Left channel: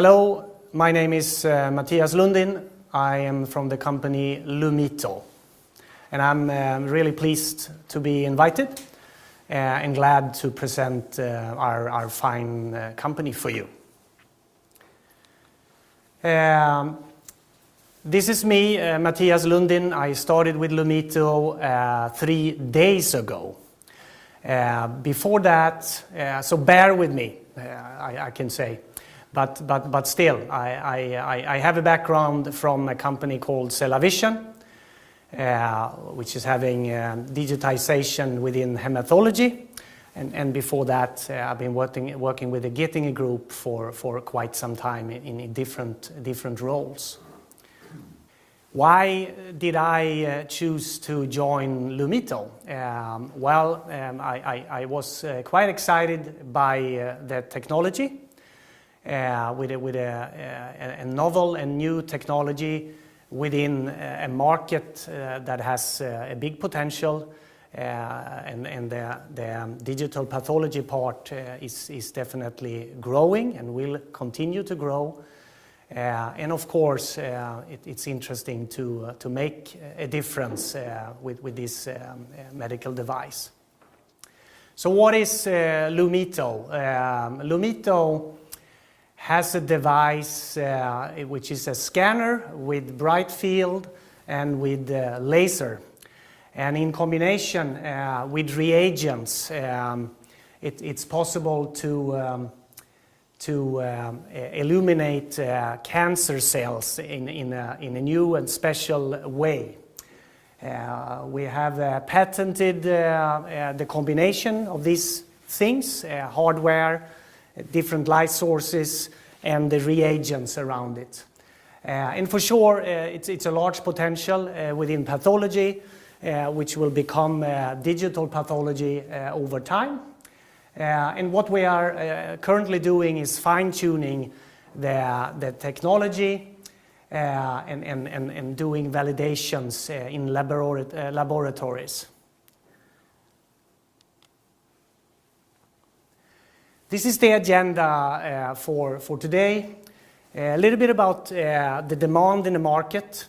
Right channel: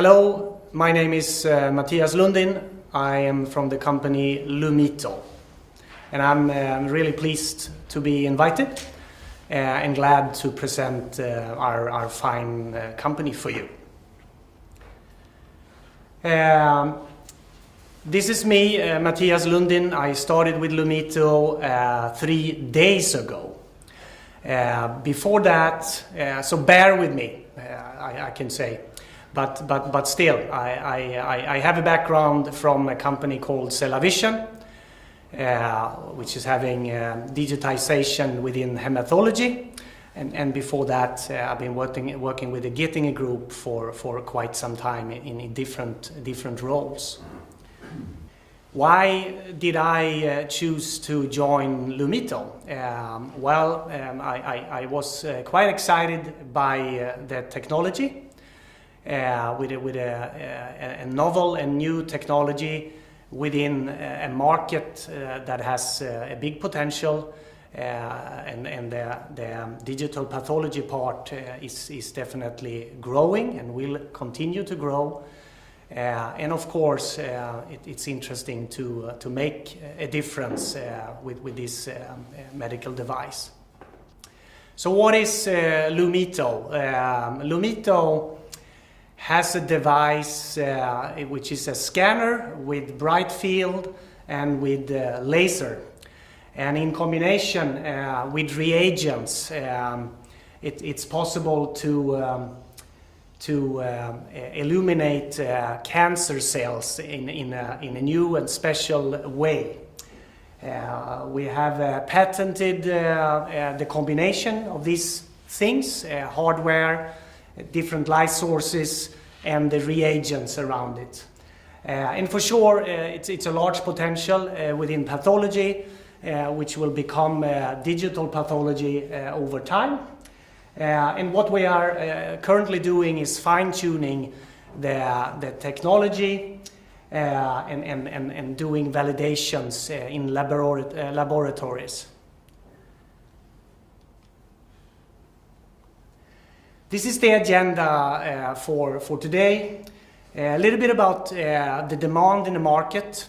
Hello, my name is Mattias Lundin. I am from the company Lumito, and I'm really pleased to be invited and glad to present our fine company for you. This is me, Mattias Lundin. I started with Lumito 3 days ago. Before that, so bear with me, I can say. But still, I have a background from a company called CellaVision, which is having digitization within hematology. And before that, I've been working with the Getinge Group for quite some time in different roles. Why did I choose to join Lumito? I was quite excited by the technology, with a novel and new technology within a market that has a big potential, and the digital pathology part is definitely growing and will continue to grow. And of course, it's interesting to make a difference with this medical device. So what is Lumito? Lumito has a device which is a scanner with bright field and with laser. And in combination with reagents, it's possible to illuminate cancer cells in a new and special way. We have patented the combination of these things, hardware, different light sources, and the reagents around it. And for sure, it's a large potential within pathology, which will become digital pathology over time. And what we are currently doing is fine-tuning the technology and doing validations in laboratories. This is the agenda for today. A little bit about the demand in the market,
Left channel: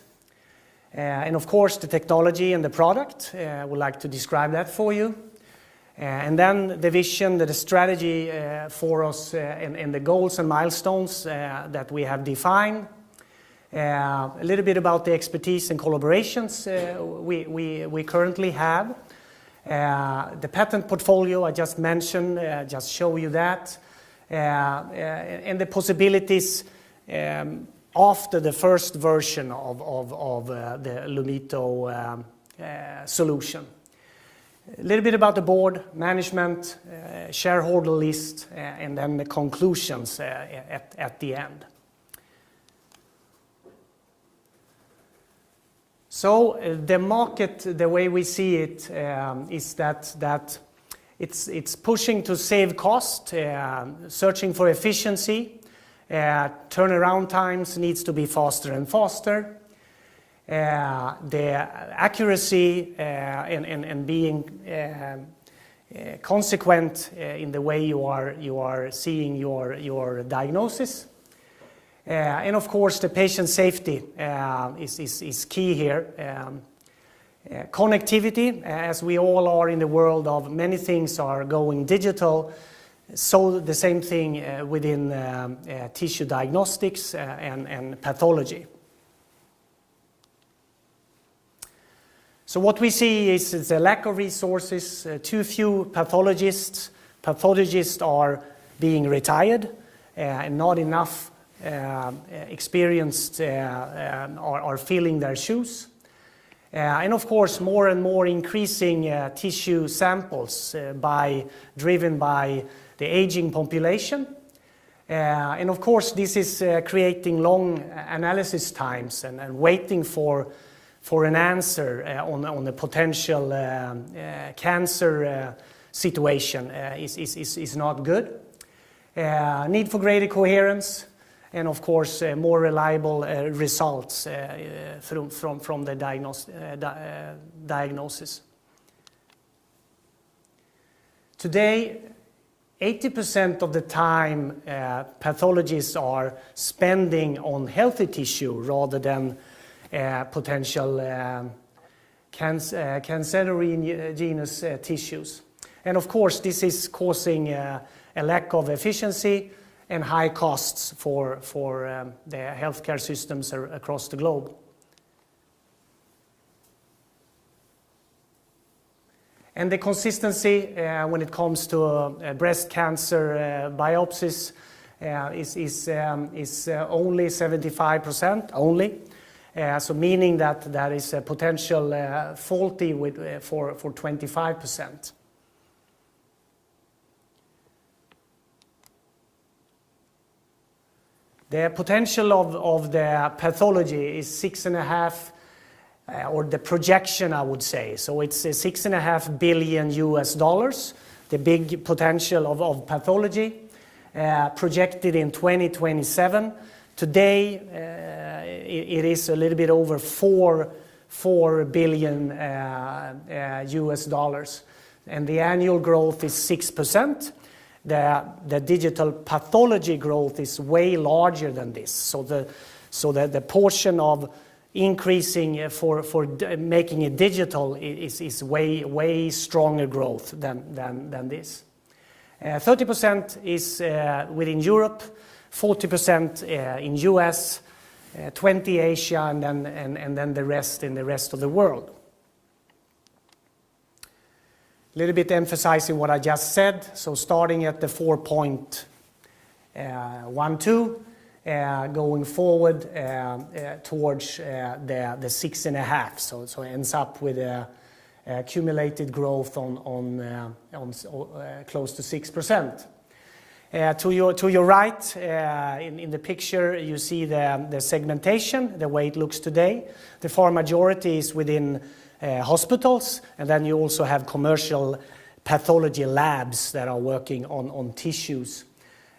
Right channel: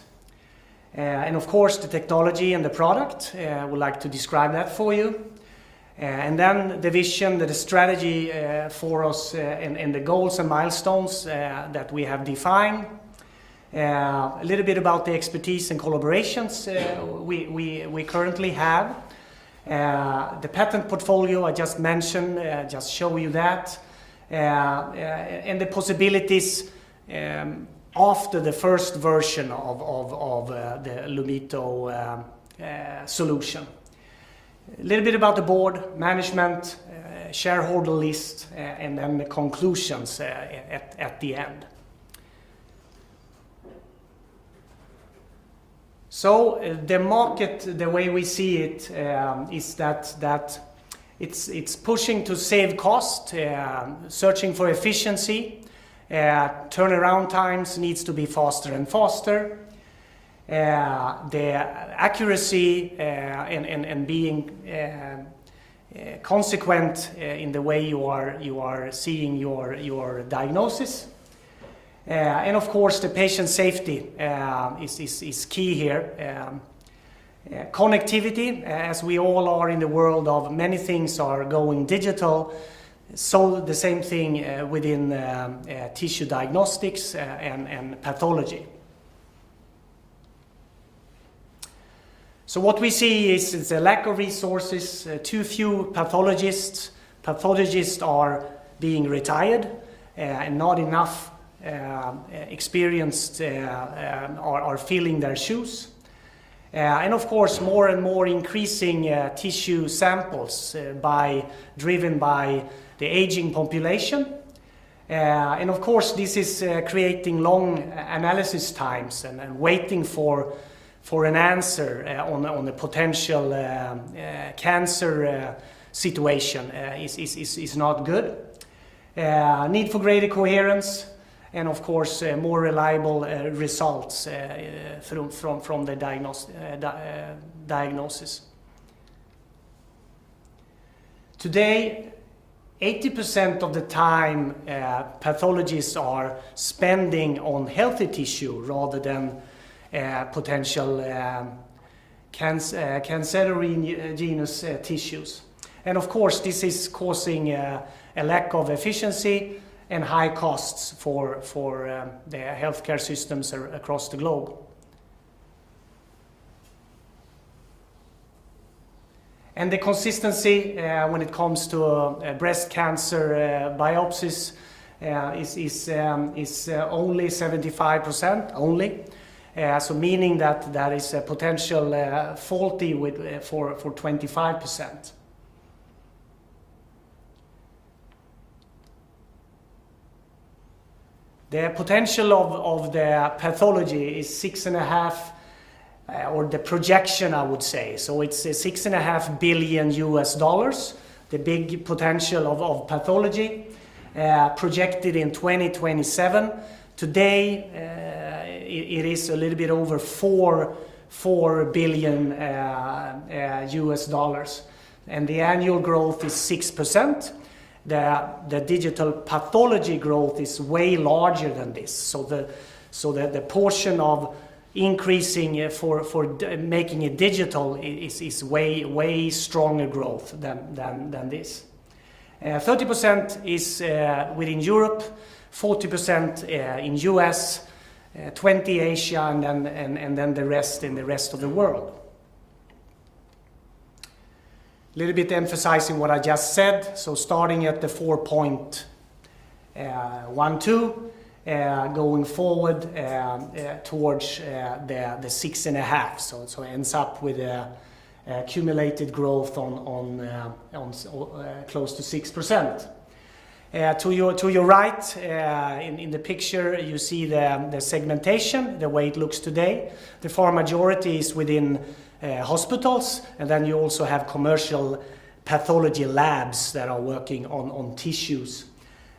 and of course the technology and the product. I would like to describe that for you. And then the vision, the strategy for us, and the goals and milestones that we have defined. A little bit about the expertise and collaborations we currently have. The patent portfolio I just mentioned, just show you that. And the possibilities after the first version of the Lumito solution. A little bit about the board, management, shareholder list, and then the conclusions at the end. So the market, the way we see it, is that it's pushing to save cost, searching for efficiency, turnaround times needs to be faster and faster. The accuracy and being consequent in the way you are seeing your diagnosis, and of course the patient safety is key here. Connectivity, as we all are in the world of many things are going digital, so the same thing within tissue diagnostics and pathology. So what we see is a lack of resources, too few pathologists. Pathologists are being retired, and not enough experienced are filling their shoes. And of course, more and more increasing tissue samples driven by the aging population. And of course, this is creating long analysis times and waiting for an answer on a potential cancer situation is not good. Need for greater coherence, and of course more reliable results from the diagnosis. Today 80% of the time pathologists are spending on healthy tissue rather than potential cancerogenous tissues. And of course this is causing a lack of efficiency and high costs for the healthcare systems across the globe. And the consistency when it comes to breast cancer biopsies is only 75%, only. So meaning that there is a potential faulty for 25%. The potential of the pathology is 6.5, or the projection I would say. So it's $6.5 billion, the big potential of pathology, projected in 2027. Today it is a little bit over $4 billion, and the annual growth is 6%. The digital pathology growth is way larger than this. So the portion of increasing for making it digital is way stronger growth than this. 30% is within Europe, 40% in US, 20 Asia, and then the rest in the rest of the world. A little bit emphasizing what I just said. So starting at the 4.12, going forward towards the 6.5. So it ends up with a accumulated growth on close to 6%. To your right, in the picture, you see the segmentation, the way it looks today. The far majority is within hospitals, and then you also have commercial pathology labs that are working on tissues.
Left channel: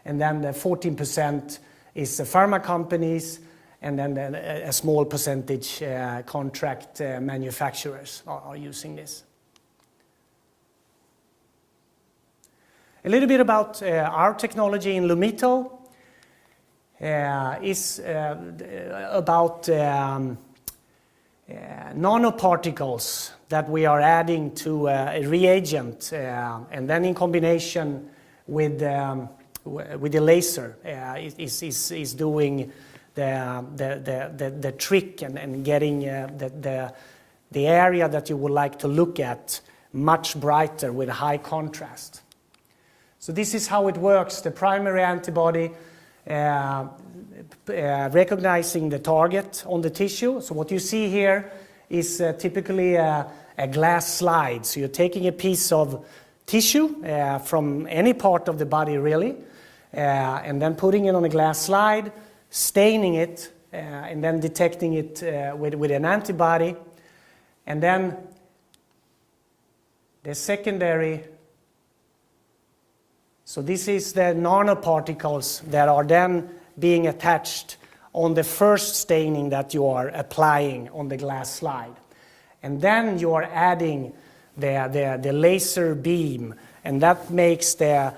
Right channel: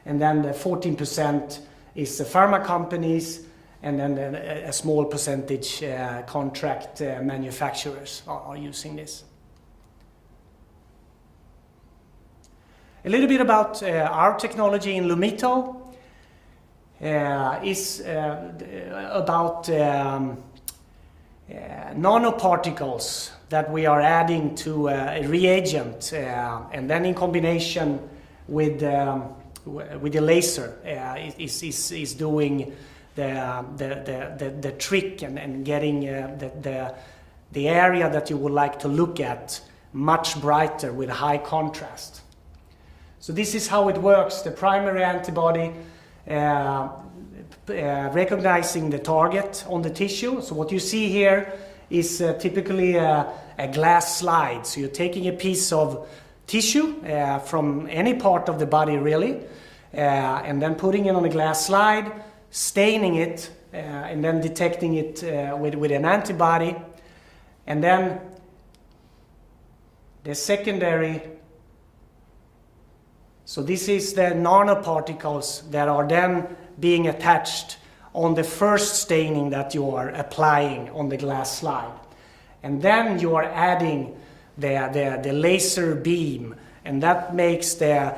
And then the 14% is the pharma companies, and then a small percentage contract manufacturers are using this. A little bit about our technology in Lumito is about nanoparticles that we are adding to a reagent, and then in combination with the laser is doing the trick and getting the area that you would like to look at much brighter with high contrast. So this is how it works. The primary antibody recognizing the target on the tissue. So what you see here is typically a glass slide. So you're taking a piece of tissue from any part of the body really, and then putting it on a glass slide, staining it, and then detecting it with an antibody. And then the secondary, so this is the nanoparticles that are then being attached on the first staining that you are applying on the glass slide. And then you are adding the laser beam, and that makes the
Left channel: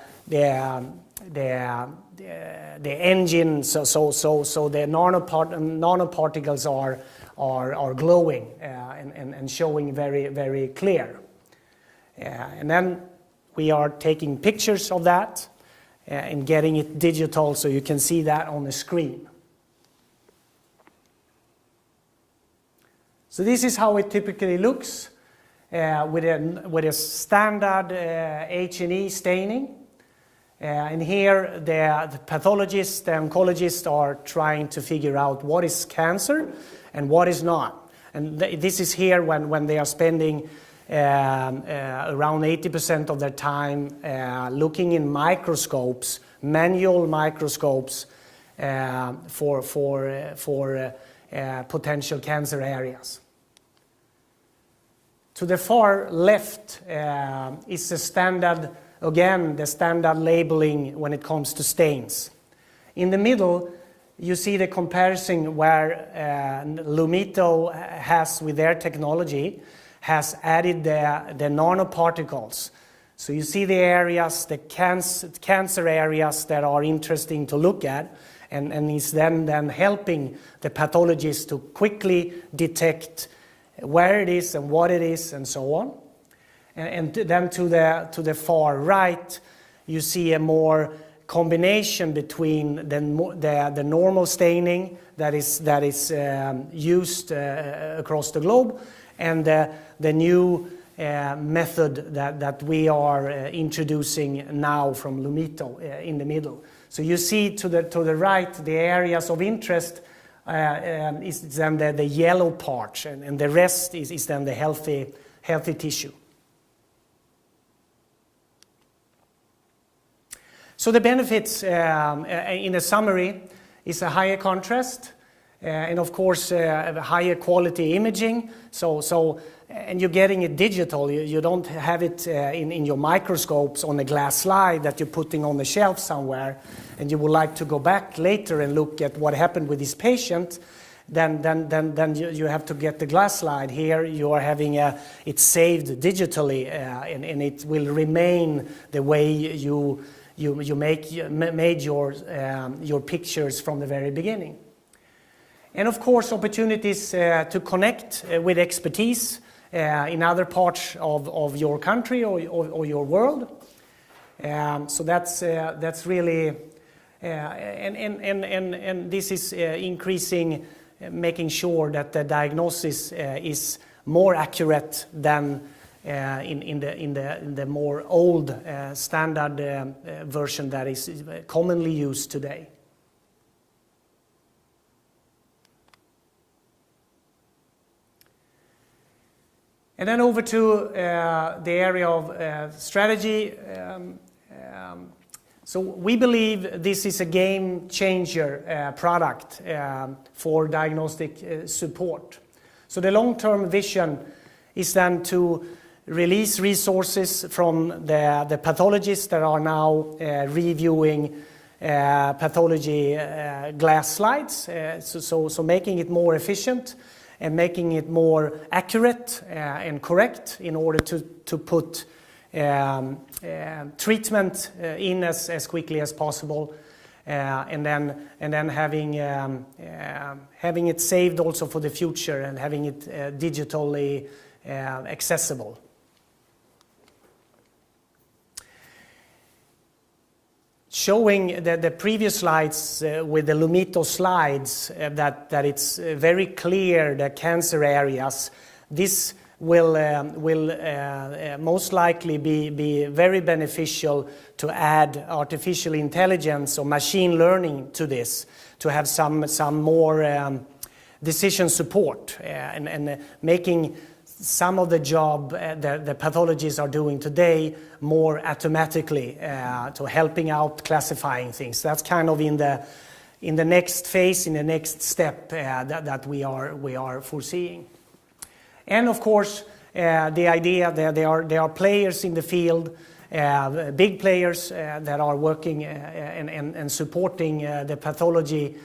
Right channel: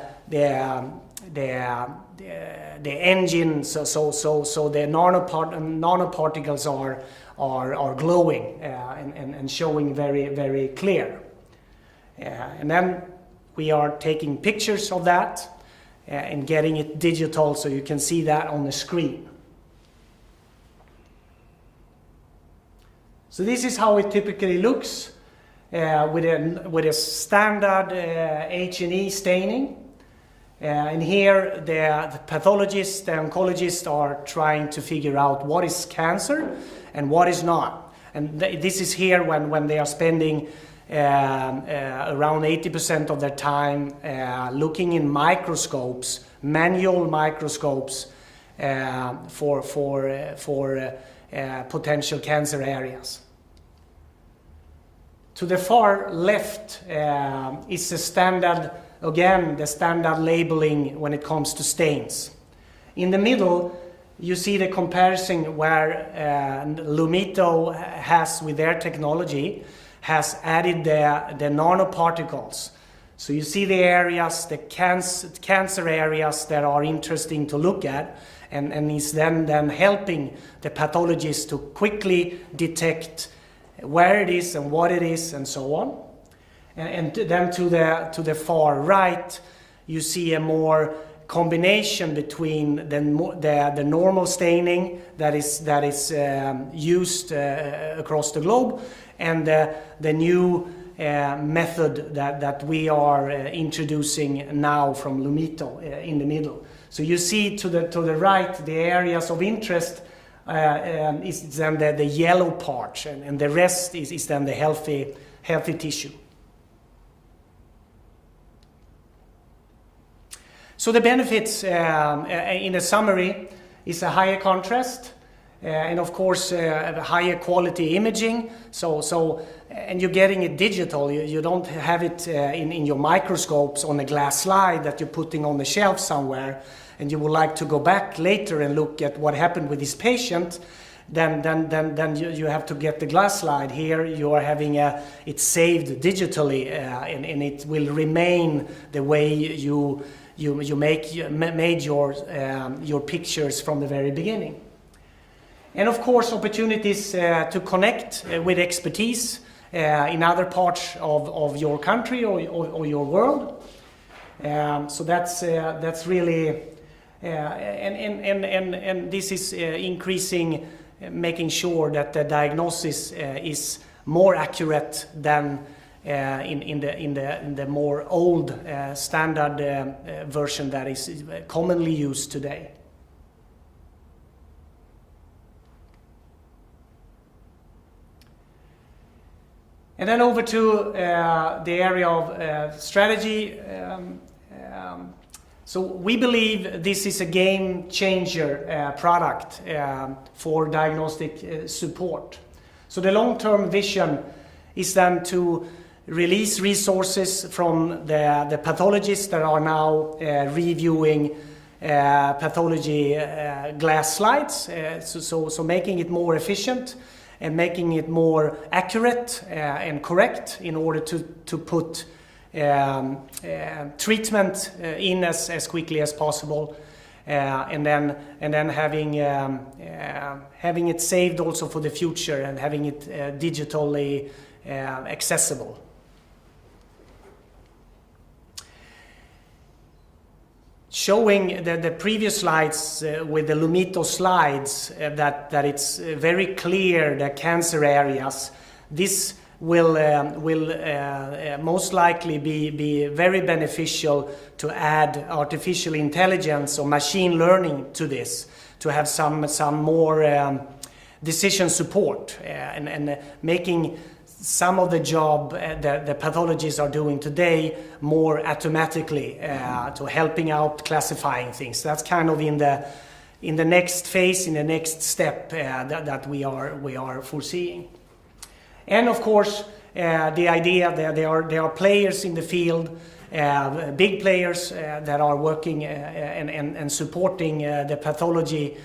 engine, so the nanoparticles are glowing and showing very clear. And then we are taking pictures of that and getting it digital so you can see that on the screen. So this is how it typically looks with a standard H&E staining. And here the pathologists, the oncologists are trying to figure out what is cancer and what is not. And this is here when they are spending around 80% of their time looking in microscopes, manual microscopes, for potential cancer areas. To the far left is the standard, again, the standard labeling when it comes to stains. In the middle, you see the comparison where Lumito has, with their technology, has added the nanoparticles. So you see the areas, the cancer areas that are interesting to look at, and is then helping the pathologist to quickly detect where it is and what it is and so on. And then to the far right, you see a more combination between the normal staining that is used across the globe, and the new method that we are introducing now from Lumito in the middle. So you see to the right, the areas of interest is then the yellow part, and the rest is then the healthy tissue. So the benefits in a summary is a higher contrast, and of course higher quality imaging. And you're getting it digital. You don't have it in your microscopes on a glass slide that you're putting on the shelf somewhere, and you would like to go back later and look at what happened with this patient. Then you have to get the glass slide. Here you are having it saved digitally, and it will remain the way you made your pictures from the very beginning. And of course, opportunities to connect with expertise in other parts of your country or your world. So that's really, and this is increasing, making sure that the diagnosis is more accurate than in the more old standard version that is commonly used today. And then over to the area of strategy. So we believe this is a game changer product for diagnostic support. So the long-term vision is then to release resources from the pathologists that are now reviewing pathology glass slides, so making it more efficient and making it more accurate and correct in order to put treatment in as quickly as possible, and then having it saved also for the future and having it digitally accessible. Showing the previous slides with the Lumito slides that it's very clear the cancer areas. This will most likely be very beneficial to add artificial intelligence or machine learning to this, to have some more decision support and making some of the job the pathologists are doing today more automatically, to helping out classifying things. That's kind of in the next phase, in the next step that we are foreseeing. And of course, the idea that there are players in the field, big players that are working and supporting the pathology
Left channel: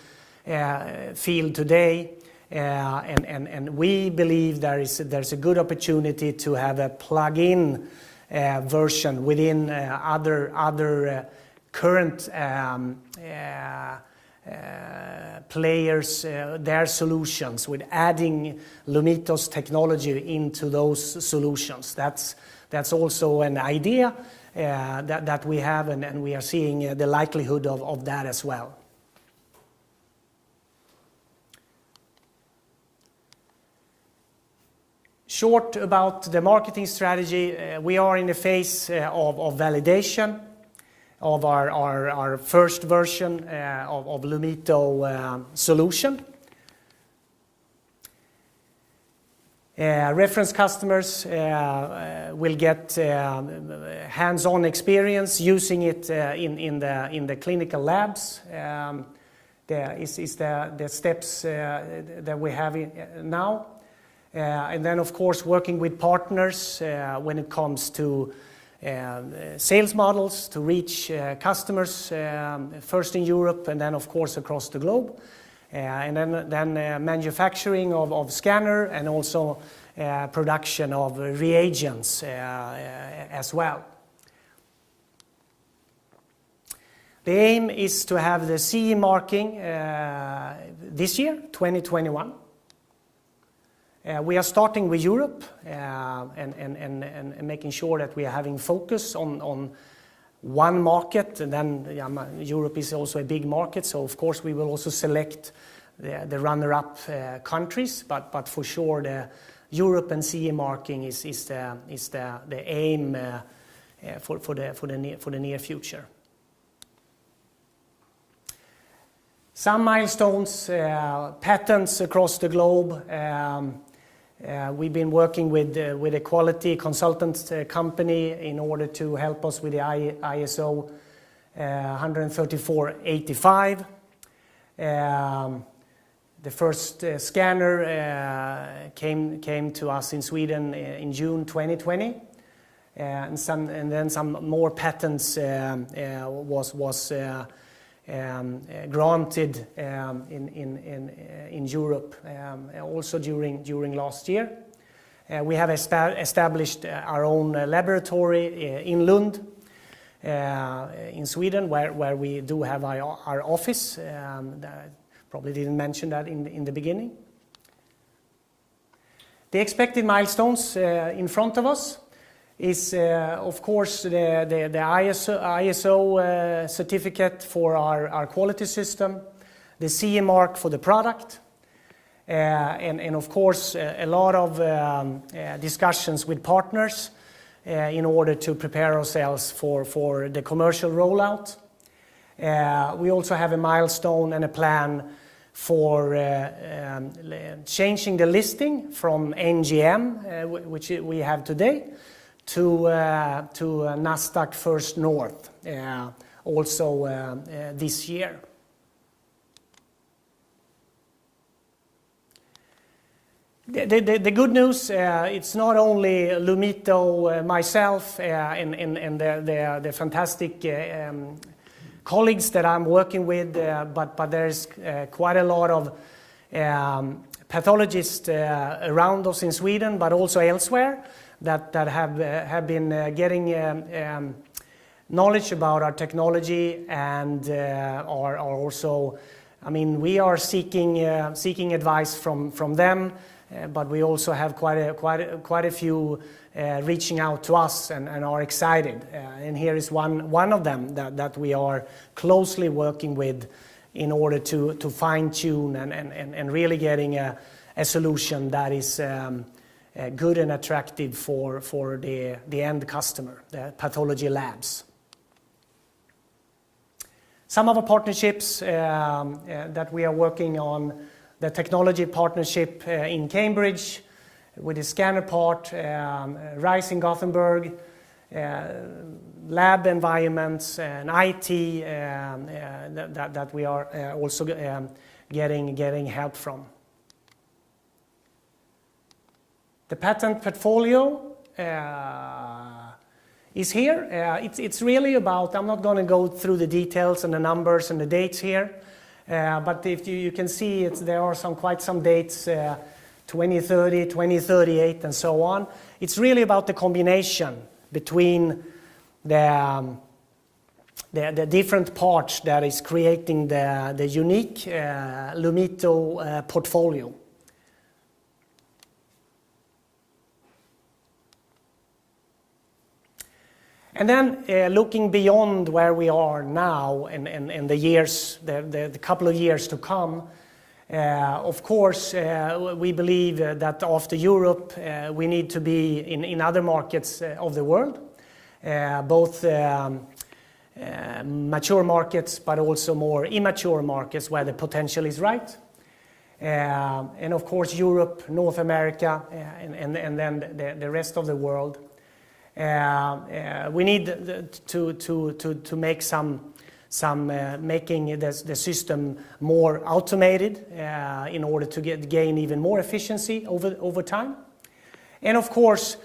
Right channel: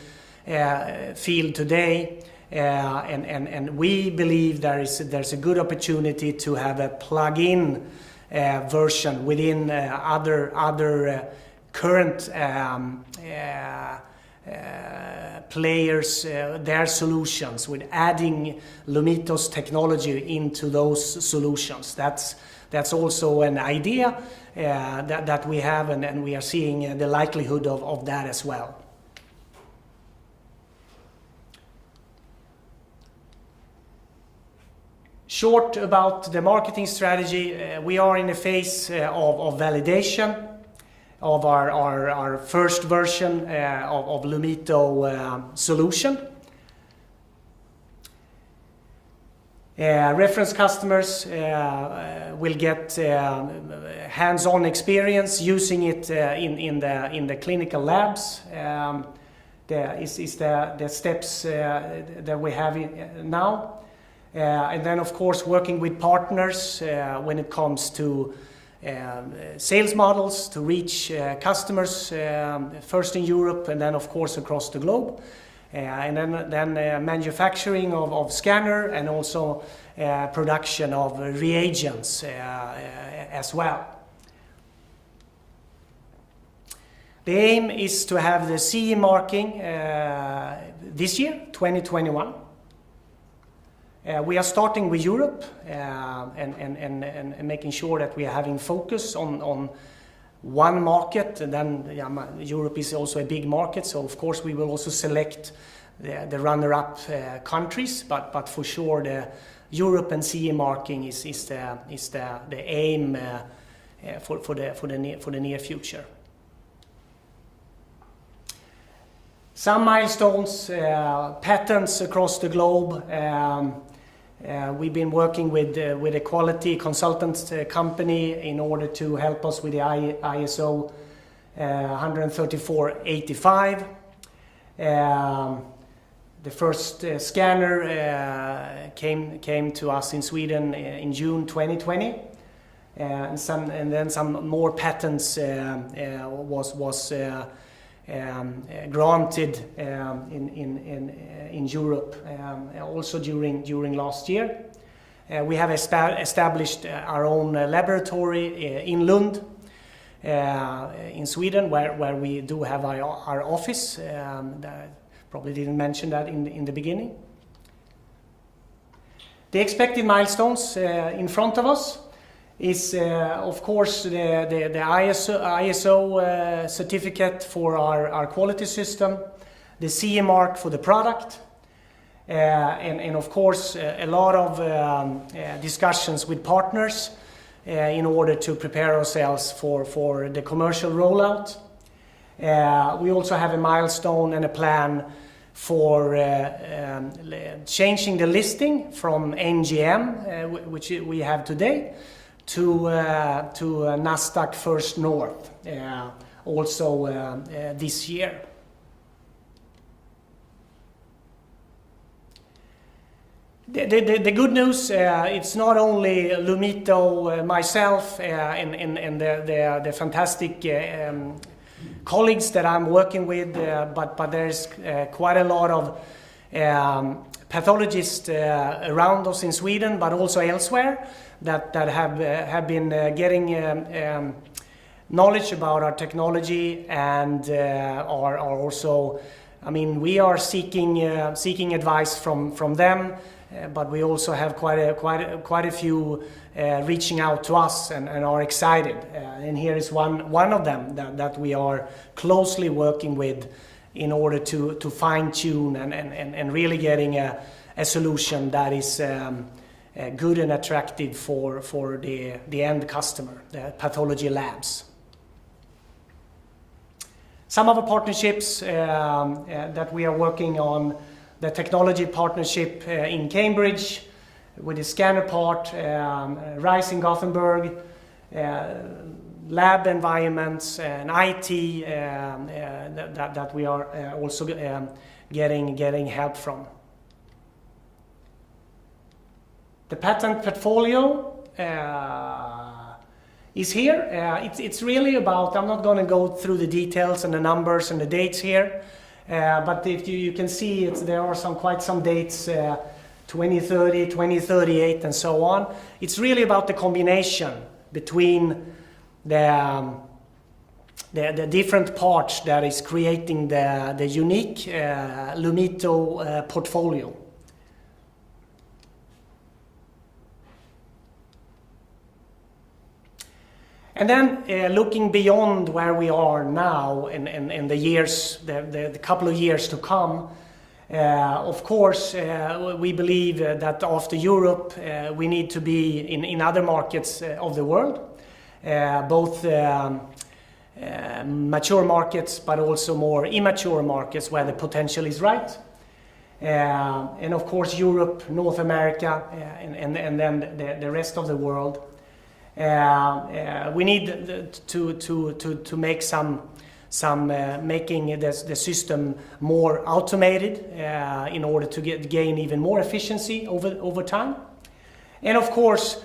field today. And we believe there's a good opportunity to have a plug-in version within other current players, their solutions, with adding Lumito's technology into those solutions. That's also an idea that we have, and we are seeing the likelihood of that as well. Short about the marketing strategy, we are in a phase of validation of our first version of Lumito solution. Reference customers will get hands-on experience using it in the clinical labs. The steps that we have now. And then, of course, working with partners when it comes to sales models to reach customers, first in Europe and then, of course, across the globe. And then manufacturing of scanner, and also production of reagents as well. The aim is to have the CE marking this year, 2021. We are starting with Europe and making sure that we are having focus on one market, and then Europe is also a big market, so of course we will also select the runner-up countries, but for sure the Europe and CE marking is the aim for the near future. Some milestones, patents across the globe. We've been working with a quality consultant company in order to help us with the ISO 13485. The first scanner came to us in Sweden in June 2020, and then some more patents was granted in Europe also during last year. We have established our own laboratory in Lund in Sweden, where we do have our office. Probably didn't mention that in the beginning. The expected milestones in front of us is of course the ISO certificate for our quality system, the CE mark for the product, and of course a lot of discussions with partners in order to prepare ourselves for the commercial rollout. We also have a milestone and a plan for changing the listing from NGM, which we have today, to Nasdaq First North also this year. The good news, it's not only Lumito, myself, and the fantastic colleagues that I'm working with, but there's quite a lot of pathologists around us in Sweden, but also elsewhere, that have been getting knowledge about our technology and are also, I mean, we are seeking advice from them, but we also have quite a few reaching out to us and are excited. And here is one of them that we are closely working with in order to fine-tune and really getting a solution that is good and attractive for the end customer, the pathology labs. Some of the partnerships that we are working on, the technology partnership in Cambridge with the scanner part, RISE in Gothenburg, lab environments and IT that we are also getting help from. The patent portfolio is here. It's really about, I'm not going to go through the details and the numbers and the dates here, but if you can see there are quite some dates, 2030, 2038 and so on. It's really about the combination between the different parts that is creating the unique Lumito portfolio. And then looking beyond where we are now and the years, the couple of years to come, of course, we believe that after Europe, we need to be in other markets of the world, both mature markets, but also more immature markets where the potential is right. And of course, Europe, North America, and then the rest of the world. We need to make making the system more automated in order to gain even more efficiency over time. And of course,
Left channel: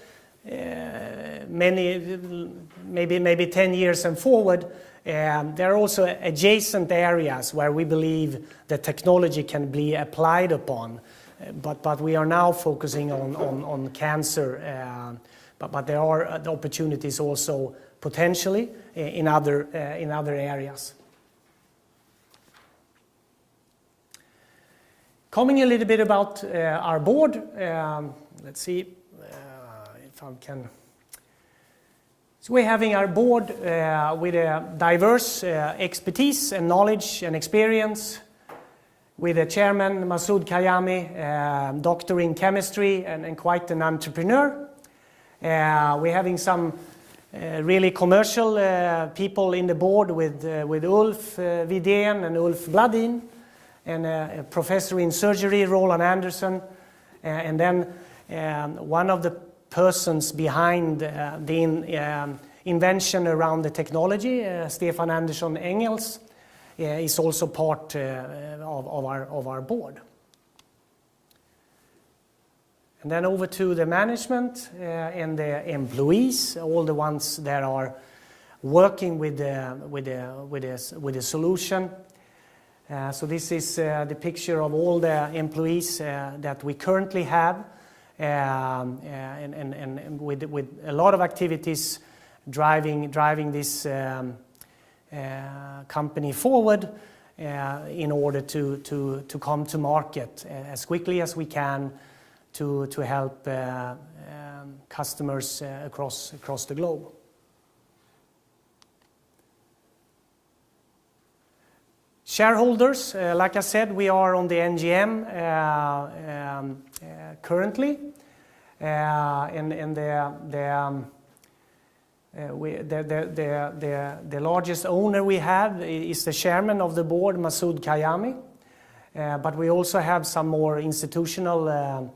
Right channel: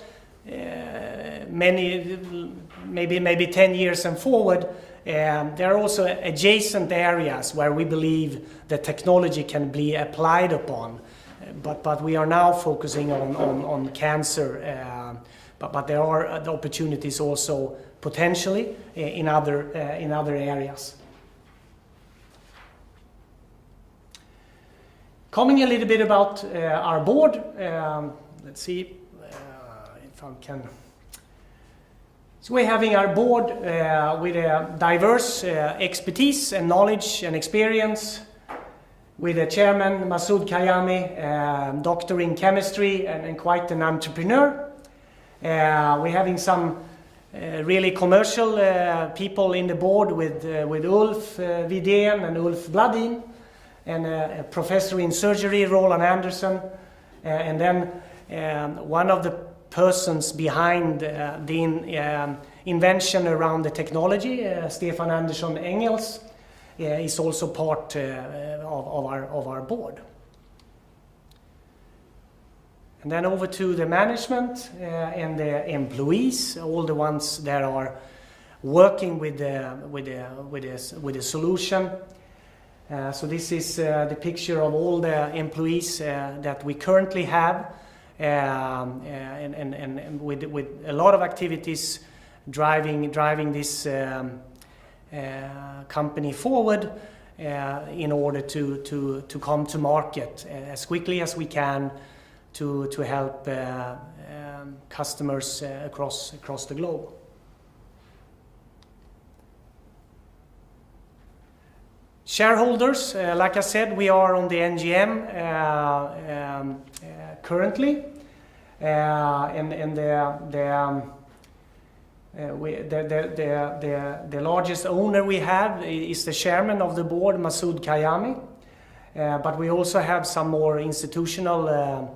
maybe 10 years and forward, there are also adjacent areas where we believe the technology can be applied upon. But we are now focusing on cancer. But there are opportunities also potentially in other areas. Coming a little bit about our board. Let's see if I can. So we're having our board with a diverse expertise and knowledge and experience, with a chairman, Masoud Kayami, doctor in chemistry and quite an entrepreneur. We're having some really commercial people in the board with Ulf Widén and Ulf Bladin, and a professor in surgery, Roland Anderson, and then one of the persons behind the invention around the technology, Stefan Andersson Engels, is also part of our board. And then over to the management and the employees, all the ones that are working with the solution. So this is the picture of all the employees that we currently have, and with a lot of activities driving this company forward in order to come to market as quickly as we can to help customers across the globe. Shareholders, like I said, we are on the NGM currently, and the largest owner we have is the chairman of the board, Masoud Kayami, but we also have some more institutional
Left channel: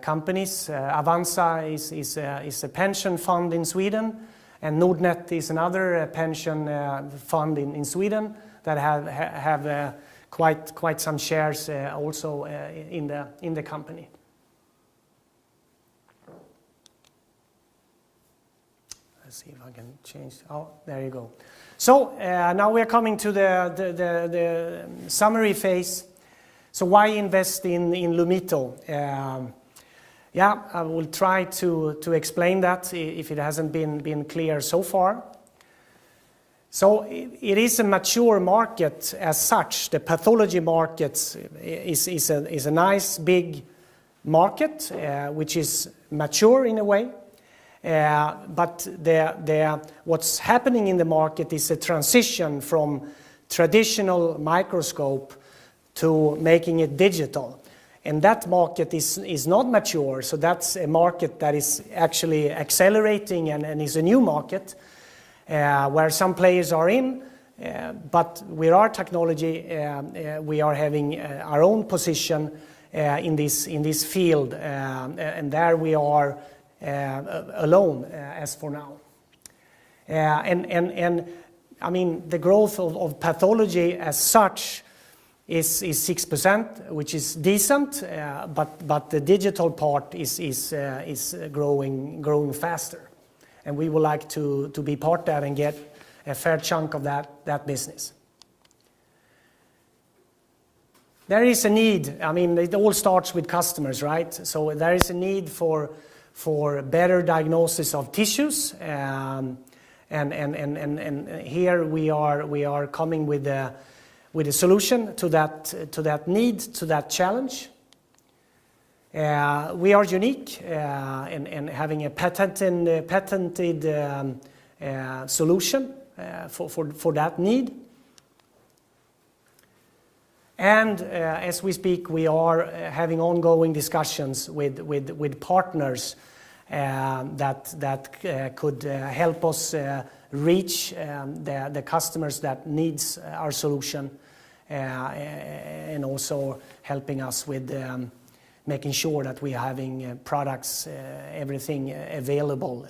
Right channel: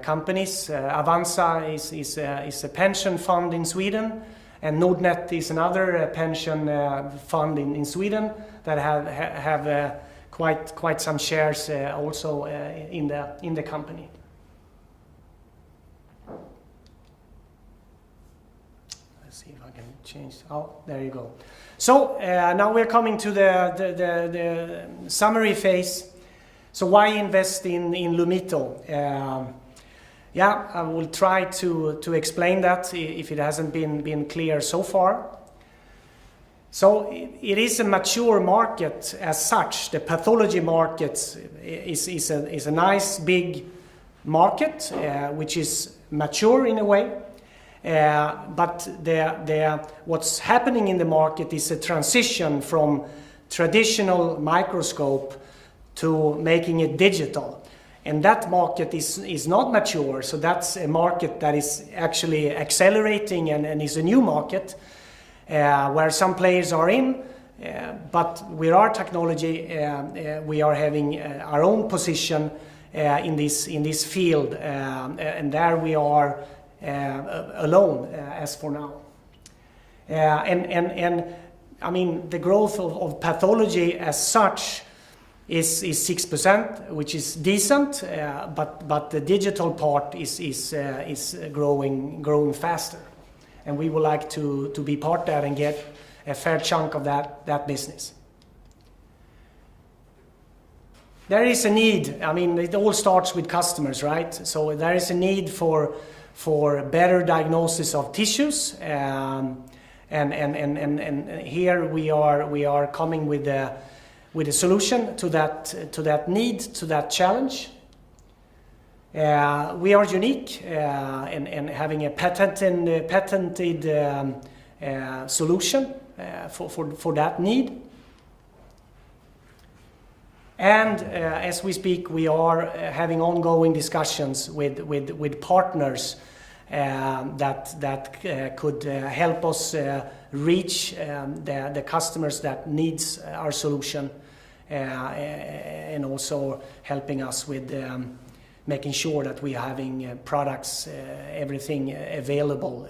companies. Avanza is a pension fund in Sweden, and Nordnet is another pension fund in Sweden that have quite some shares also in the company. Let's see if I can change. Oh, there you go. So now we're coming to the summary phase. So why invest in Lumito? Yeah, I will try to explain that if it hasn't been clear so far. So it is a mature market as such. The pathology market is a nice big market which is mature in a way. But what's happening in the market is a transition from traditional microscope to making it digital. And that market is not mature, so that's a market that is actually accelerating and is a new market where some players are in, but with our technology we are having our own position in this field, and there we are alone as for now. And I mean, the growth of pathology as such is 6%, which is decent, but the digital part is growing faster, and we would like to be part of that and get a fair chunk of that business. There is a need. I mean, it all starts with customers, right? So there is a need for better diagnosis of tissues, and here we are coming with a solution to that need, to that challenge. We are unique in having a patented solution for that need. And as we speak, we are having ongoing discussions with partners that could help us reach the customers that needs our solution, and also helping us with making sure that we are having products, everything available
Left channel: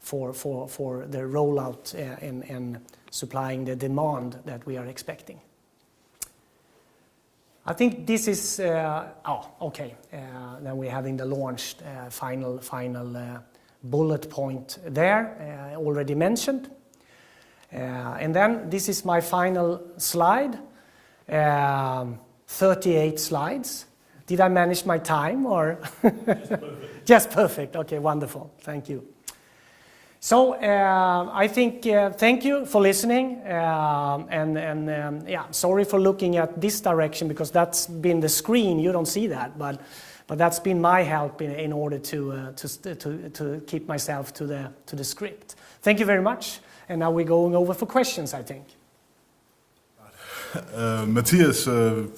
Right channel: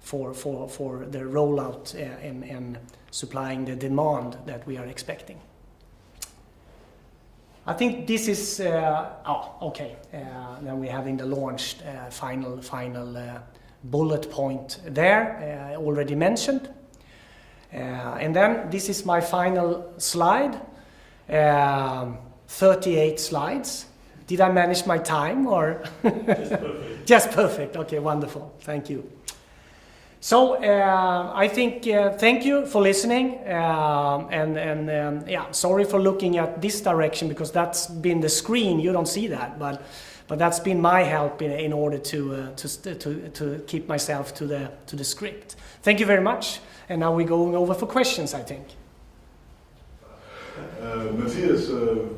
for the rollout and supplying the demand that we are expecting. I think this is, then we're having the launched final bullet point there, already mentioned. And then this is my final slide, 38 slides. Did I manage my time or? Just perfect. Just perfect, okay, wonderful, thank you. So I think thank you for listening, sorry for looking at this direction because that's been the screen. You don't see that, but that's been my help in order to keep myself to the script. Thank you very much, and now we're going over for questions, I think. Mattias,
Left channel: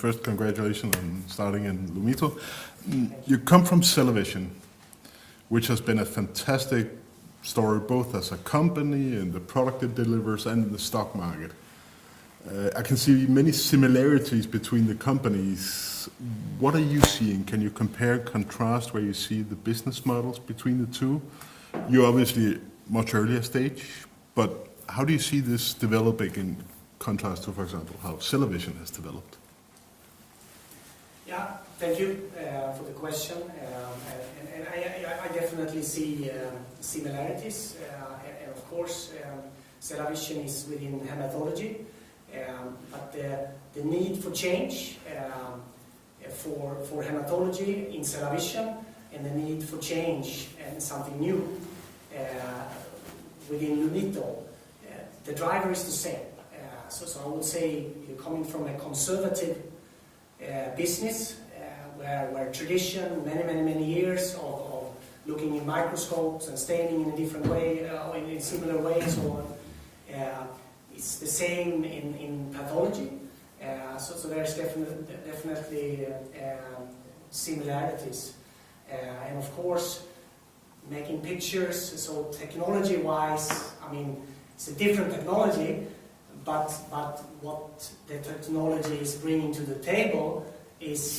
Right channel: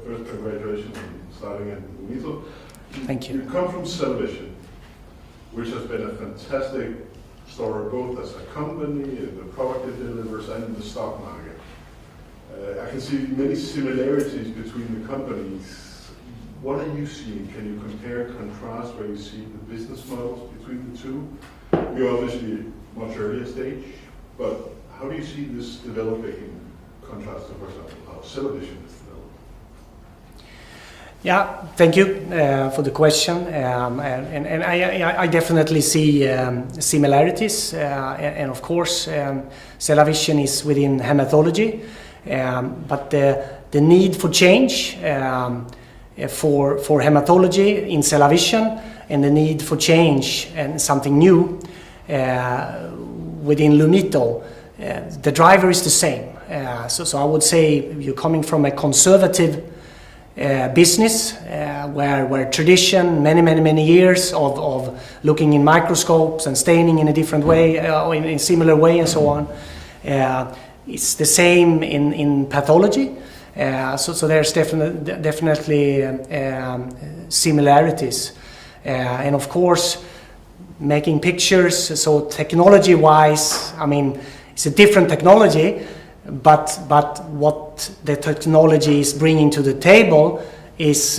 first congratulations on starting in Lumito. Thank you. You come from Television, which has been a fantastic story both as a company and the product it delivers and the stock market. I can see many similarities between the companies. What are you seeing? Can you compare, contrast where you see the business models between the two? You're obviously much earlier stage, but how do you see this developing in contrast to, for example, how Television has developed? Yeah, thank you for the question, and I definitely see similarities, and of course, Television is within hematology, but the need for change for hematology in Television, and the need for change and something new within Lumito, the driver is the same. So I would say you're coming from a conservative business where tradition, many years of looking in microscopes and staining in a different way, or in a similar way and so on. It's the same in pathology. So there's definitely similarities. And of course, making pictures, so technology-wise, I mean, it's a different technology, but what the technology is bringing to the table is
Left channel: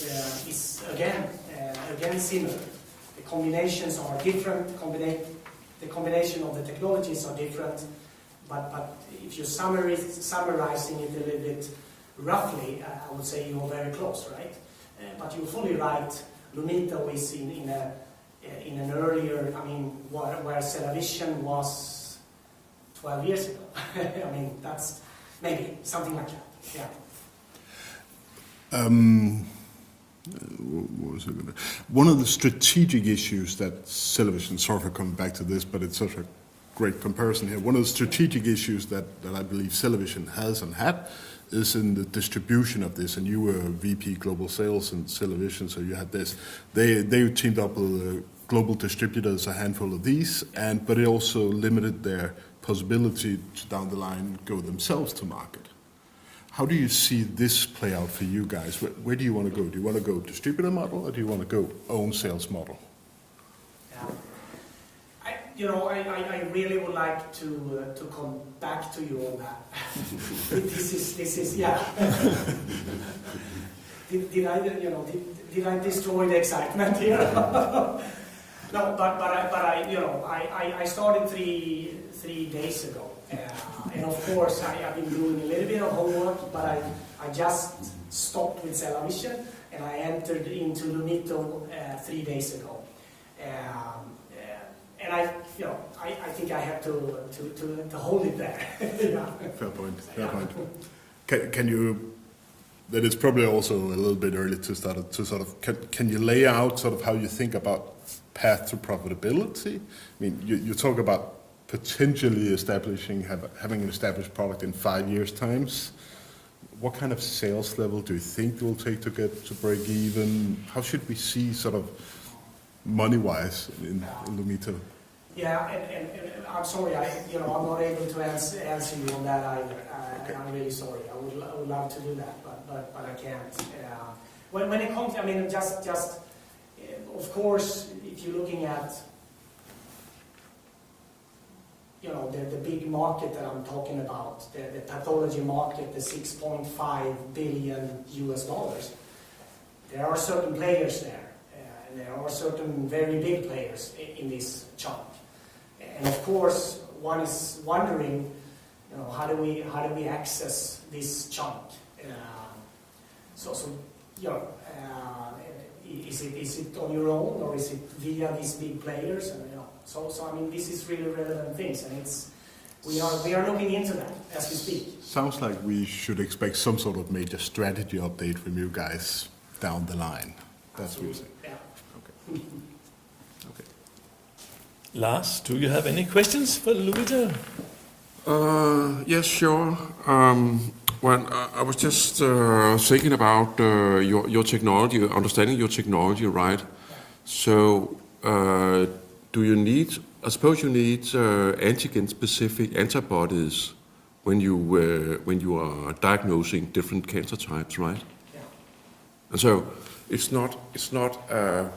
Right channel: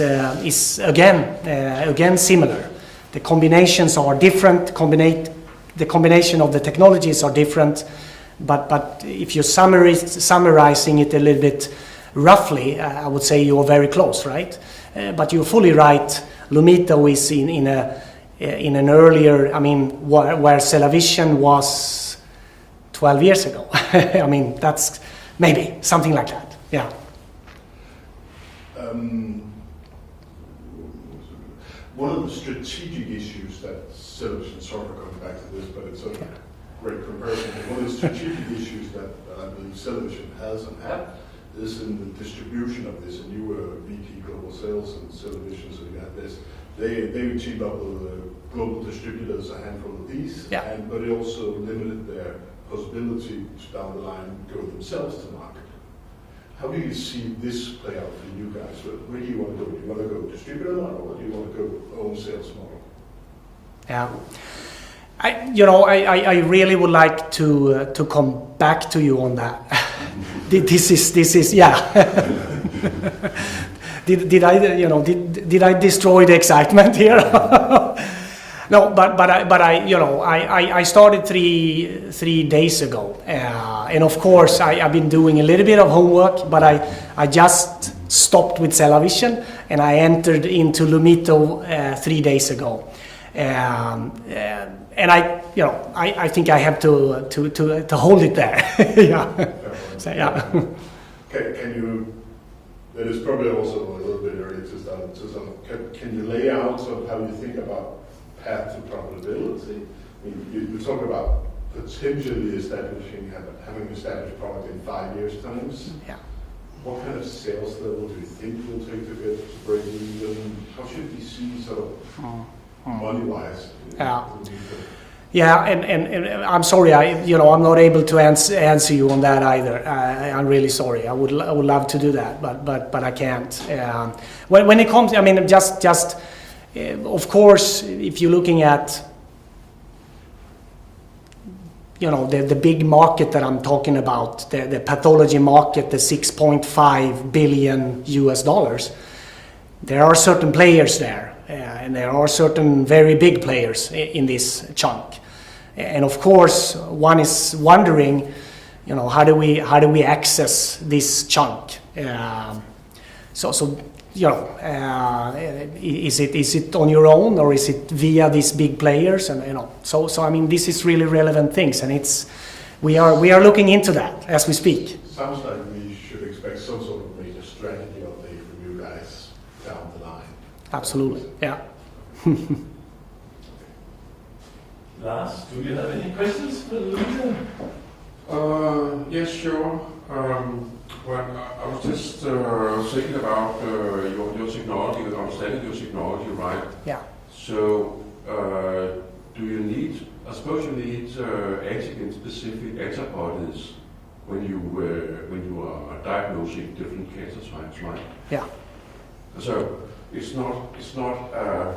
again similar. The combinations are different. The combination of the technologies are different, but if you're summarizing it a little bit roughly, I would say you're very close, right? But you're fully right. Lumito is in an earlier, I mean, where Television was 12 years ago. I mean, that's maybe something like that. Yeah. One of the strategic issues that Television, sorry for coming back to this, but it's such a great comparison here. One of the strategic issues that I believe Television has and had is in the distribution of this, and you were VP Global Sales in Television, so you had this. They teamed up with global distributors, a handful of these, yeah. But it also limited their possibility to down the line go themselves to market. How do you see this play out for you guys? Where do you want to go? Do you want to go distributor model, or do you want to go own sales model? Yeah. I really would like to come back to you on that. This is yeah. did I destroy the excitement here? No, but I started three days ago, and of course I've been doing a little bit of homework, but I just stopped with Television and I entered into Lumito 3 days ago. And I think I have to hold it there. Yeah. So, yeah. Can you? That is probably also a little bit early to start to sort of. Can you lay out sort of how you think about path to profitability? I mean, you talk about potentially having an established product in 5 years' times. Yeah. What kind of sales level do you think it will take to get to break even? How should we see sort of money-wise in detail? Yeah, and I'm sorry, I'm not able to answer you on that either. I'm really sorry. I would love to do that, but I can't. When it comes, I mean, just of course, if you're looking at the big market that I'm talking about, the pathology market, the $6.5 billion US, there are certain players there, and there are certain very big players in this chunk. And of course, one is wondering, how do we access this chunk? Is it on your own, or is it via these big players? And so I mean, this is really relevant things, and we are looking into that as we speak. Sounds like we should expect some sort of major strategy update from you guys down the line. Absolutely, yeah. Lars, do you have any questions for Lumito? Yes, sure. I was just thinking about your technology, understanding your technology, right? Yeah. So, do you need? I suppose you need antigen-specific antibodies when you are diagnosing different cancer types, right? Yeah. And so it's not a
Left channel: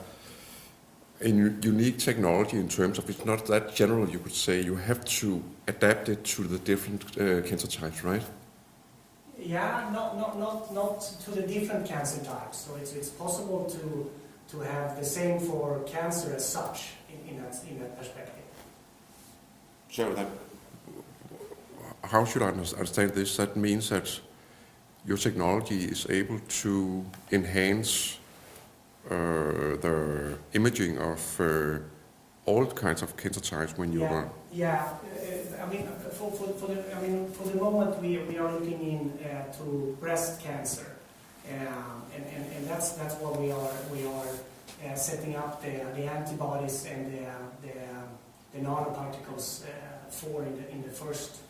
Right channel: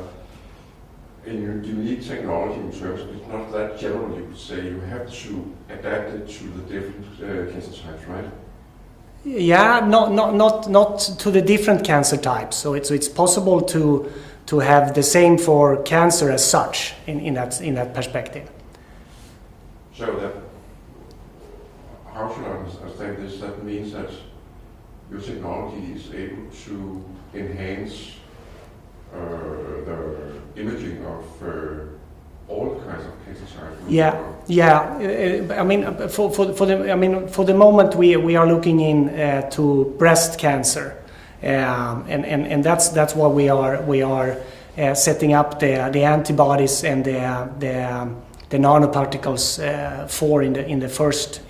unique technology in terms of it's not that general. You could say you have to adapt it to the different cancer types, right? Yeah, not to the different cancer types. So it's possible to have the same for cancer as such in that perspective. So that, how should I understand this? That means that your technology is able to enhance the imaging of all kinds of cancer types when you are... I mean, for the moment we are looking in to breast cancer, and that's what we are setting up the antibodies and the nanoparticles for in the first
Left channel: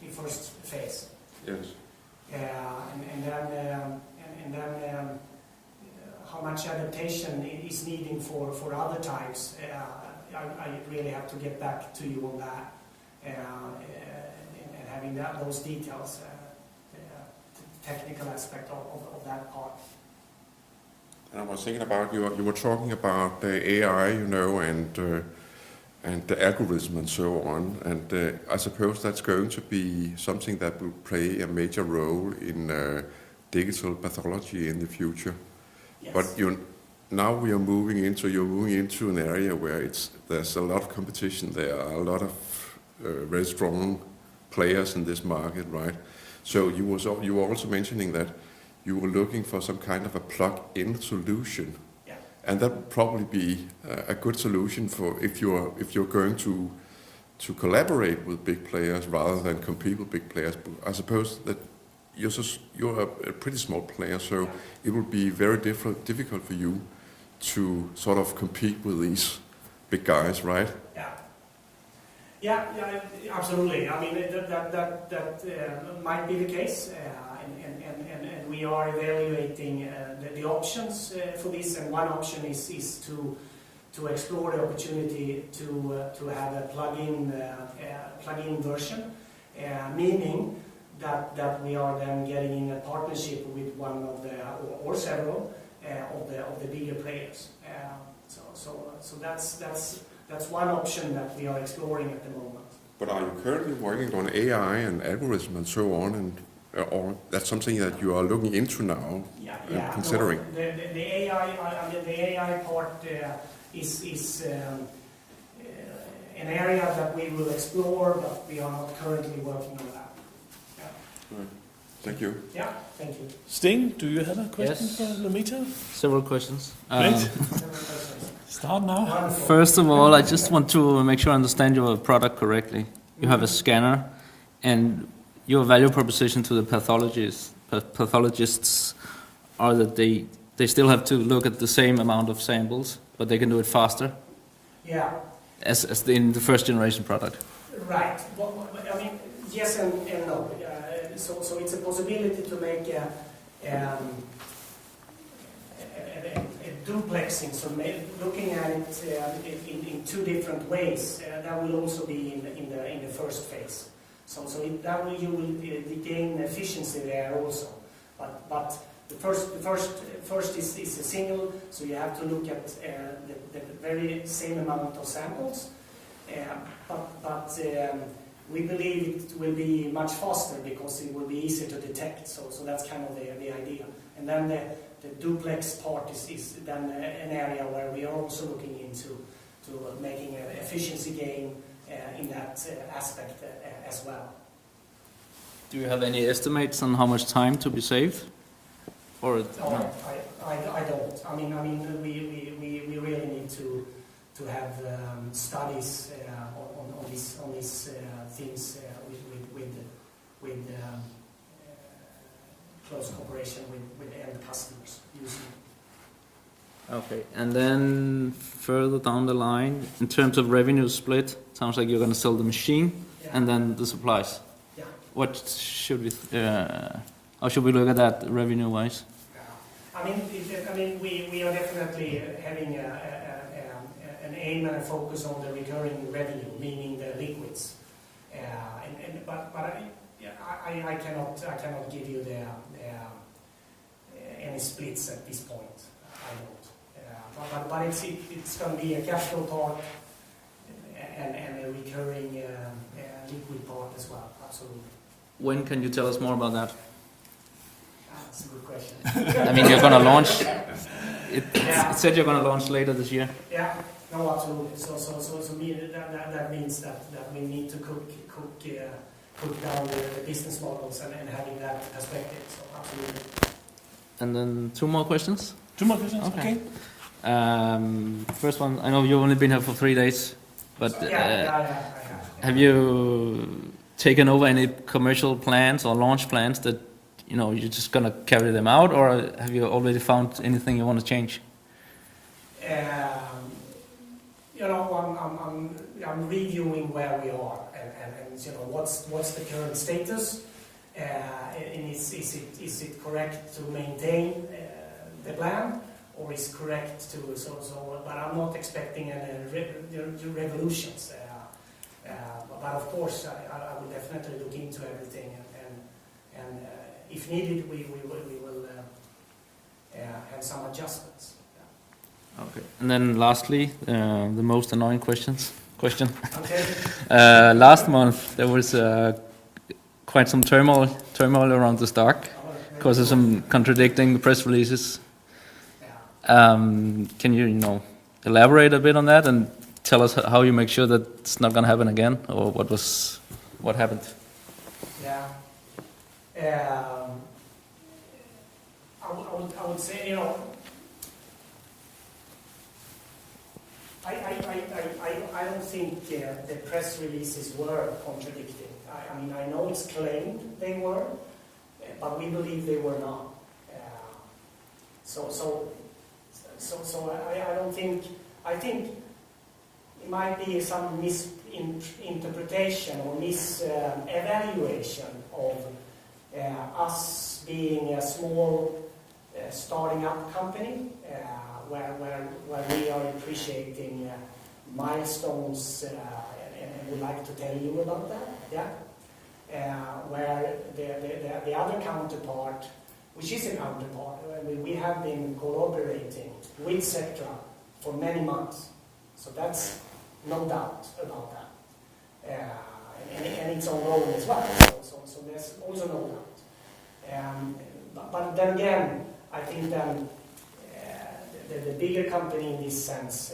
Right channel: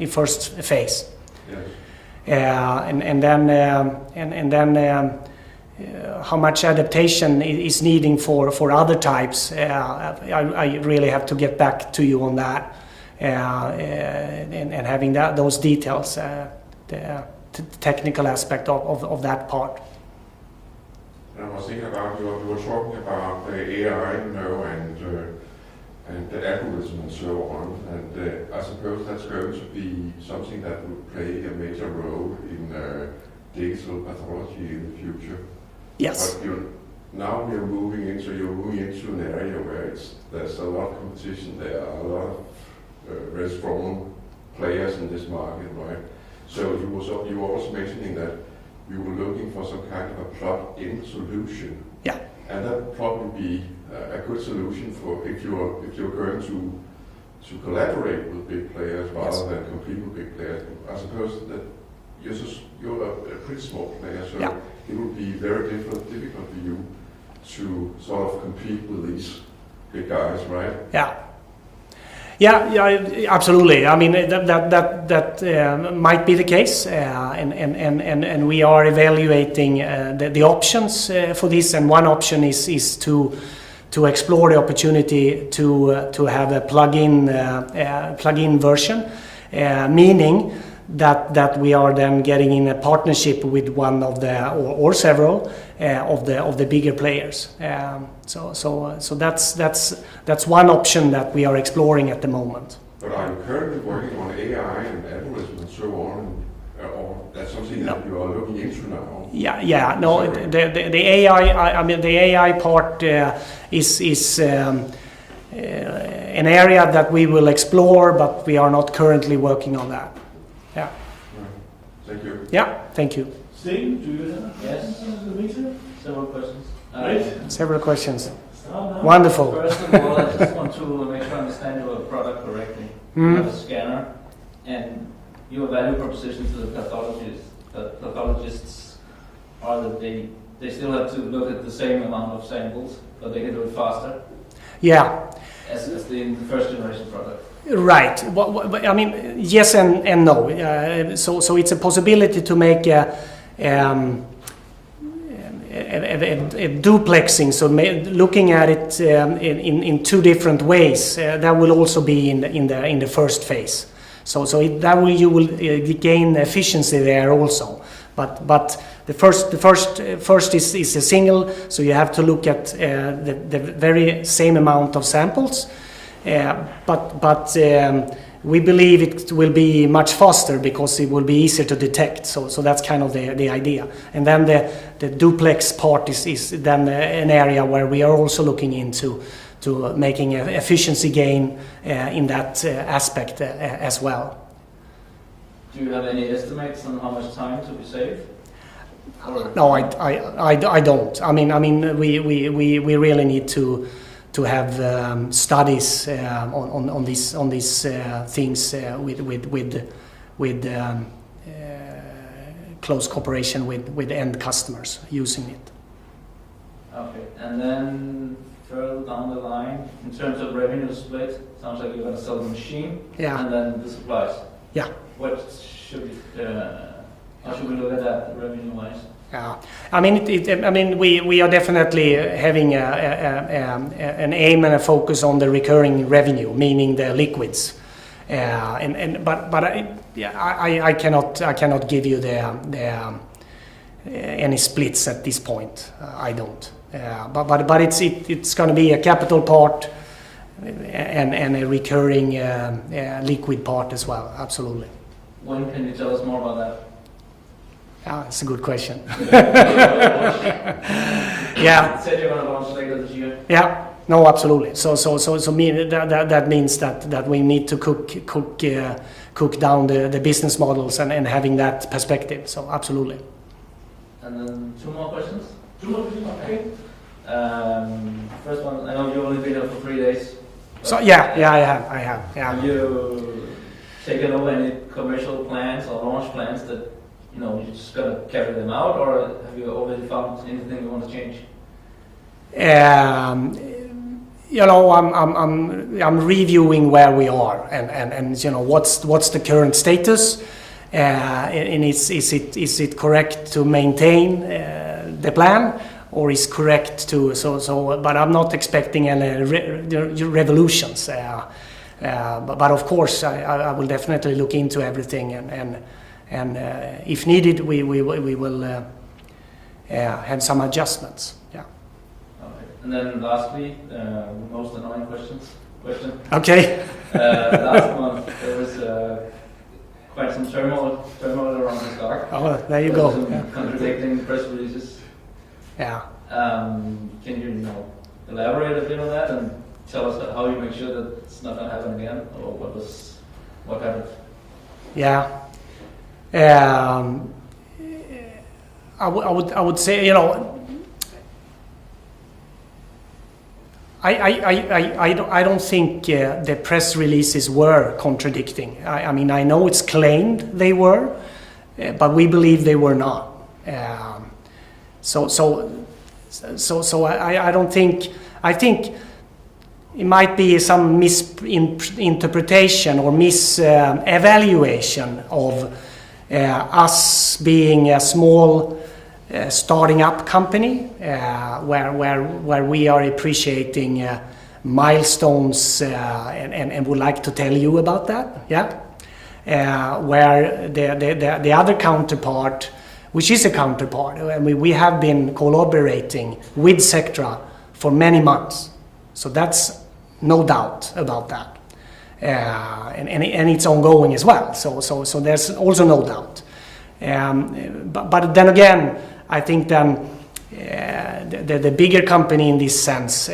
phase. Yes. And then how much adaptation is needing for other types, I really have to get back to you on that, and having those details, the technical aspect of that part. And I was thinking about we were talking about the AI, and the algorithm and so on, and I suppose that's going to be something that will play a major role in digital pathology in the future. Yes. But now you're moving into an area where there's a lot of competition. There are a lot of very strong players in this market, right? So you were also mentioning that you were looking for some kind of a plug-in solution. Yeah. And that would probably be a good solution for if you're going to collaborate with big players rather than compete with big players. But I suppose that you're a pretty small player, so yeah. It will be very difficult for you to sort of compete with these big guys, right? Yeah, absolutely. I mean that might be the case, and we are evaluating the options for this. And one option is to explore the opportunity to have a plug-in version, meaning that we are then getting in a partnership with one of the or several of the bigger players. So that's one option that we are exploring at the moment. But are you currently working on AI and algorithm and so on, or that's something that you are looking into now? Yeah. No, the AI. I mean, the AI part is an area that we will explore, but we are not currently working on that. Yeah. Thank you. Yeah, thank you. Sting, do you have a question Yes. for the meeting? Several questions. Great. Several questions. Start now. Wonderful. First of all, I just want to make sure I understand your product correctly. You have a scanner, and your value proposition to the pathologists are that they still have to look at the same amount of samples, but they can do it faster. Yeah. As in the first generation product. Right. I mean, yes and no. So it's a possibility to make a duplexing. So looking at it in two different ways. That will also be in the first phase. So you will gain efficiency there also. But the first is a single. So you have to look at the very same amount of samples. But we believe it will be much faster because it will be easier to detect. So that's kind of the idea. And then the duplex part is then an area where we are also looking into making an efficiency gain in that aspect as well. Do you have any estimates on how much time to be saved? Or No, I don't. I mean, we really need to have studies on these things with close cooperation with end customers using it. Okay. And then further down the line, in terms of revenue split, sounds like you're going to sell the machine and then the supplies. Yeah. What should we? How should we look at that revenue-wise? Yeah, I mean, we are definitely having an aim and a focus on the recurring revenue, meaning the liquids. I cannot give you any splits at this point. I don't. But it's going to be a capital part and a recurring liquid part as well. Absolutely. When can you tell us more about that? That's a good question. You're going to launch. Yeah. It said you're going to launch later this year. Yeah. No, absolutely. So that means that we need to cook down the business models and having that perspective. So absolutely. And then 2 more questions. 2 more questions, okay. First one, I know you've only been here for 3 days. But so I have. Yeah. Have you taken over any commercial plans or launch plans that you're just gonna carry them out, or have you already found anything you want to change? I'm reviewing where we are and what's the current status, and is it correct to maintain the plan, or is correct to but I'm not expecting any revolutions. But of course I will definitely look into everything and if needed we will have some adjustments. Yeah. Okay. And then lastly, the most annoying question. Okay. Last month there was quite some turmoil around the stock. Oh, there you because go. of some contradicting press releases. Yeah. Can you elaborate a bit on that and tell us how you make sure that it's not going to happen again, or what happened? Yeah. I would say, I don't think the press releases were contradicting. I mean, I know it's claimed they were, but we believe they were not. So I don't think. I think it might be some misinterpretation or mis-evaluation of us being a small starting up company where we are appreciating milestones and would like to tell you about that. Yeah, where the other counterpart, which is a counterpart, we have been collaborating with Sectra for many months, so that's no doubt about that. And it's ongoing as well. So there's also no doubt. But then again, I think then the bigger company in this sense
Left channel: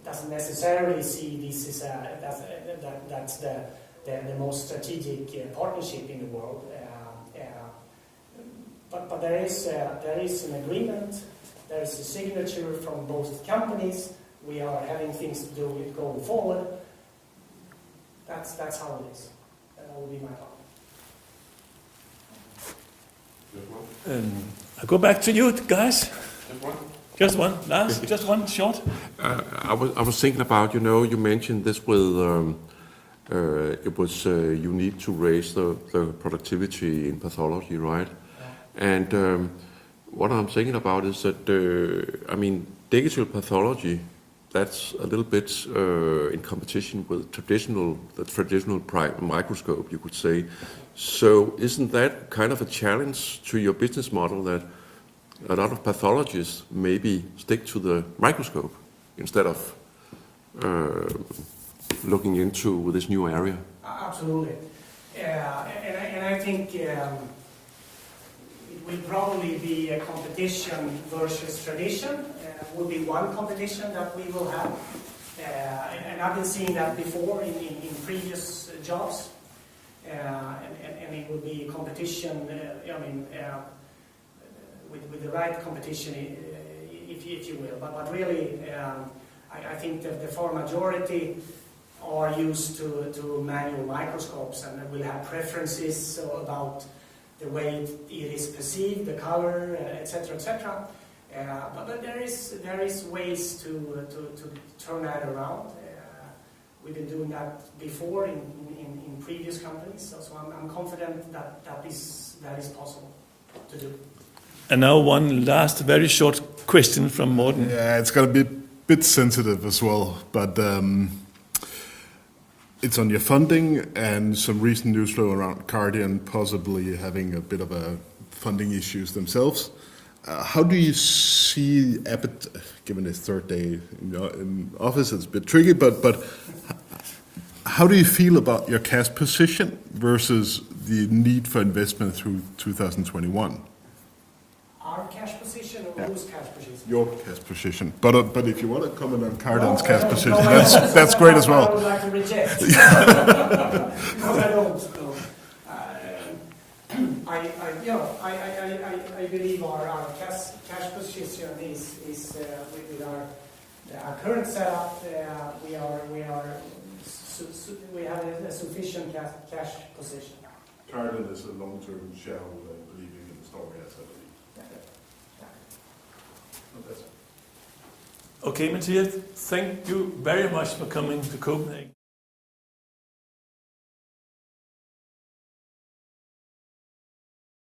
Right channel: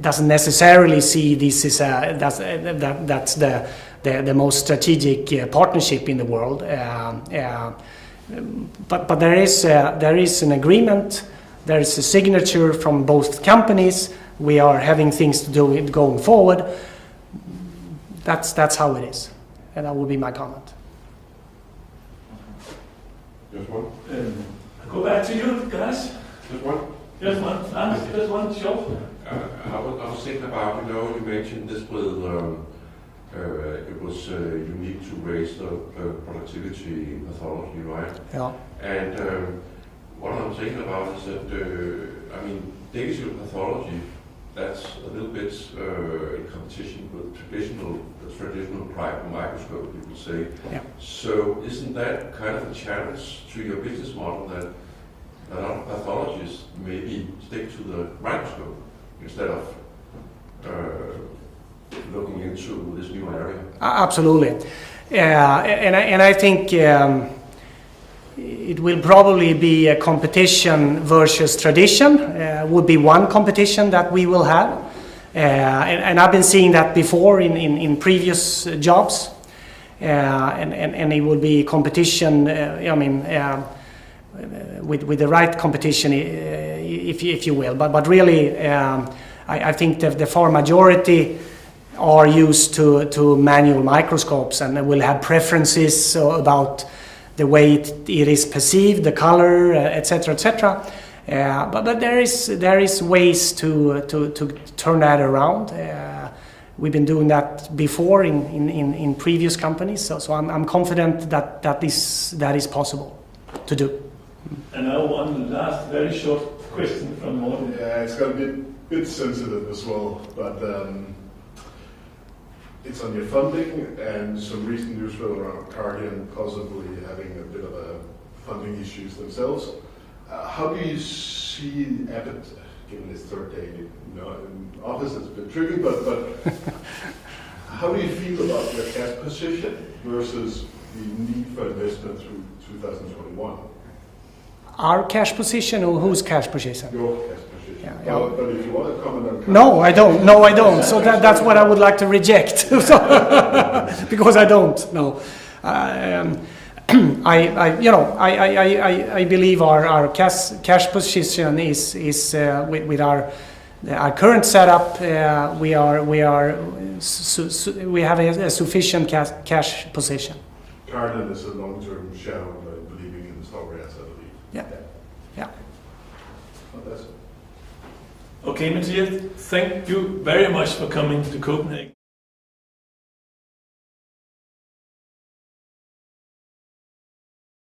doesn't necessarily see this as that's the most strategic partnership in the world. But there is an agreement. There is a signature from both companies. We are having things to do going forward. That's how it is, and that would be my comment. Just one? I'll go back to you guys. Just one? Just one, Lars, just one short. I was thinking about, you mentioned this with, it was you need to raise the productivity in pathology, right? Yeah. And what I'm thinking about is that, digital pathology, that's a little bit in competition with the traditional microscope, you could say. Yeah. So isn't that kind of a challenge to your business model, that a lot of pathologists maybe stick to the microscope instead of looking into this new area? Absolutely. And I think it will probably be a competition versus tradition. Would be one competition that we will have. And I've been seeing that before in previous jobs. And it will be competition, with the right competition, if you will. But really, I think the far majority are used to manual microscopes and will have preferences about the way it is perceived, the color, etc., etc. But there is ways to turn that around. We've been doing that before in previous companies, so I'm confident that is possible to do. And now one last very short question from Morten. Yeah, it's going to be a bit sensitive as well, but it's on your funding and some recent news flow around Cardian possibly having a bit of a funding issues themselves. How do you see Abbott, given his third day in office, it's a bit tricky, but how do you feel about your cash position versus the need for investment through 2021? Our cash position, or whose cash position? Your cash position. Yeah. But if you want to comment on Cardian's No, I don't. No, I don't. So that's what I would like to reject. Because I don't. No. I believe our cash position is with our current setup. We have a sufficient cash position. Cardian is a long-term shareholder believing in the story, as I believe. Yeah. Okay, Mattias, thank you very much for coming to Copenhagen.